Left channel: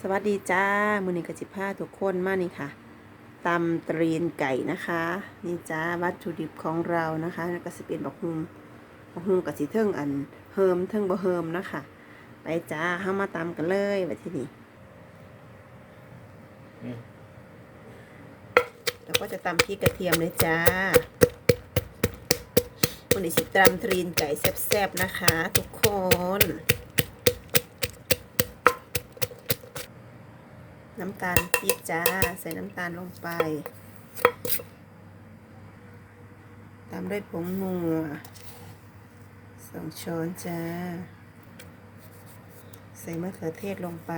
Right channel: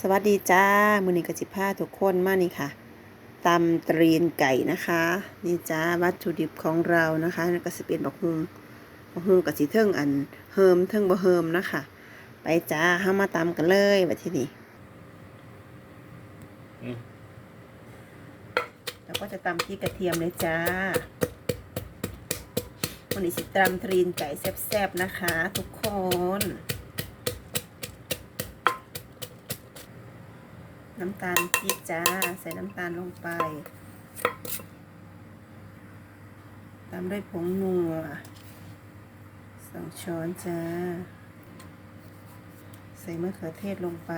สวัสดีจ้า มือนี้กจิพาทุกคนมานี่ค่ะตำตรีนไก่นะคะ นี่จ้าวัตถุดิบของเรานะคะนี่ก็สิเป็นบักฮุงบักฮุงกับสีเทิงอันเฮิมเทิงบ่เฮิมนะคะ ไปจ้าเข้ามาตำกันเลยวัที่นี่อืมแล้วก็จะตำพริกกระเทียมเลยจ้าวันนี้สิตำตรีนไก่แซ่บๆนะคะ ทุกคน น้ำตาลปี๊บจ้า ใส่น้ำตาลลงไปตามด้วยผงนัวสองช้อนจ้า ใส่มะเขือเทศลงไป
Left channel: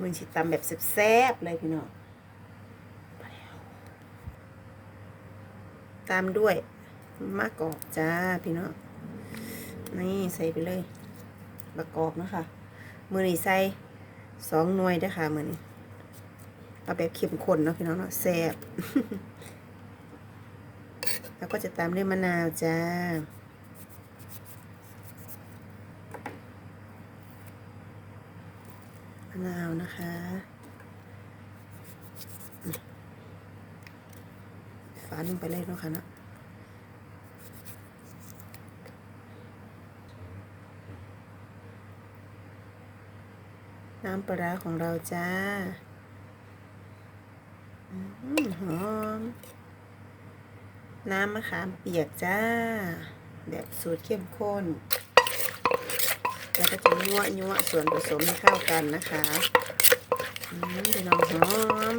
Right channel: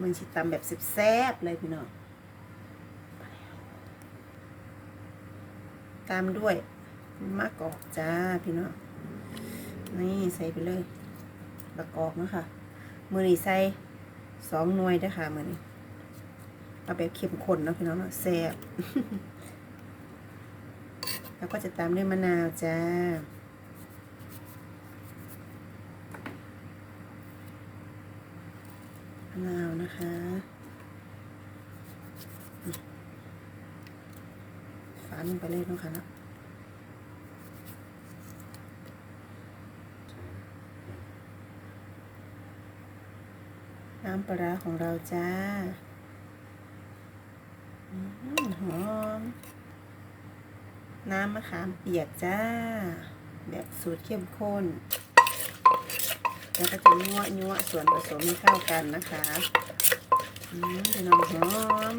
มันชิตำแบบแซ่บๆเลยพี่น้องตามด้วยมะกอกจ้าพี่น้องนี่ใส่ไปเลยมะกอกนะคะ มือนี้ใส่สองหน่วยด้วยค่ะมือนี้เอาแบบเข้มข้นนะพี่น้องเนาะแซ่บแล้วก็จะตามด้วยมะนาวจ้ามะนาวนะคะ ฝาลงไปเลยเนะคะเนาะ น้ำปลาของเราจ้าอืมหอมน้ำมะขามเปียกจ้า แบบสูตรเข้มข้น แล้วก็จะยั่วยั่วส่วนผสมให้เข้ากันนะคะอืมเป็นน้ำหอม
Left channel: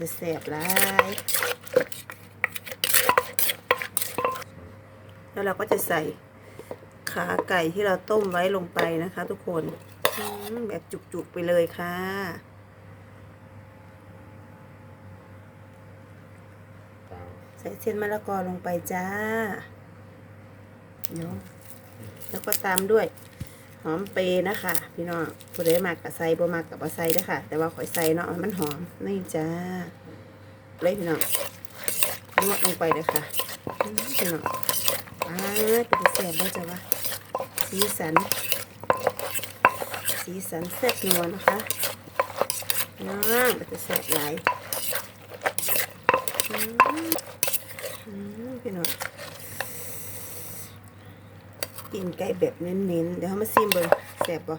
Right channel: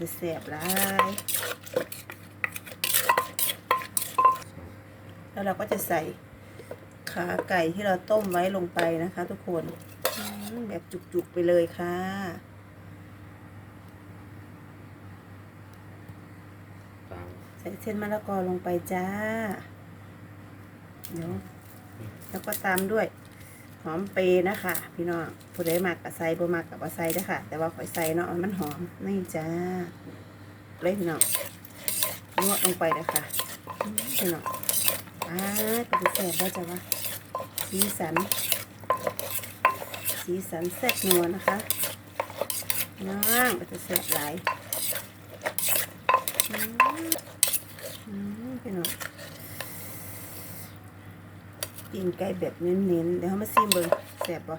จะแสบร้ายแล้วเราก็จะใส่ขาไก่ที่เราต้มไว้ลงไปนะคะทุกคน แบบจุกๆไปเลยค่ะ ใส่เส้นมะละกอลงไปจ้า เดี๋ยวแล้วก็ตามด้วยหอมเปร์นะคะ พี่น้องผู้ใดมากกับใส่บ่มากกับบ่ใส่ด้ค่ะ แต่ว่าข่อยใส่เนาะมันหอมนี่จ้าเลยพี่น้องนวดลงไปเลยค่ะอืมพี่น้องอ่าเป็นแซ่บได้จ้ะวะสีสัน สีสันแซ่บนัวนะคะน้างเป็นแซ่บหลอืมอืมพี่น้องกินไก่แบบเน้นๆ เดี๋ยวเขามาซิมเบิ่งแซ่บบ่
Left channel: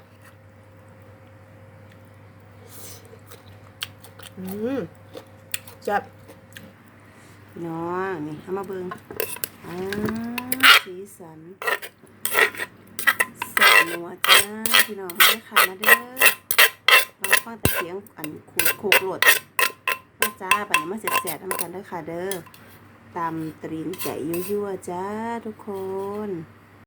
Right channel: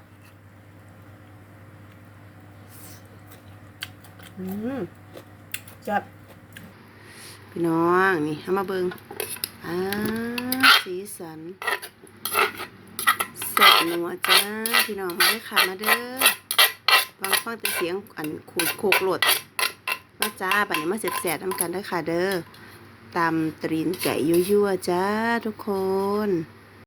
อืมจับพี่น้อง นี่เอามาเบิ่งอ่าสีสัน แซ่บนัวจ้าพี่น้องมาได้อค่ะมาเด้อบางฟังแต่เสียงอันขูดโคกโหลดมาจ้าบัดนี้มาเสร็จๆทำกันเด้อค่ะเด้อตำตรีนไก่ยั่วๆจ้าทุกคน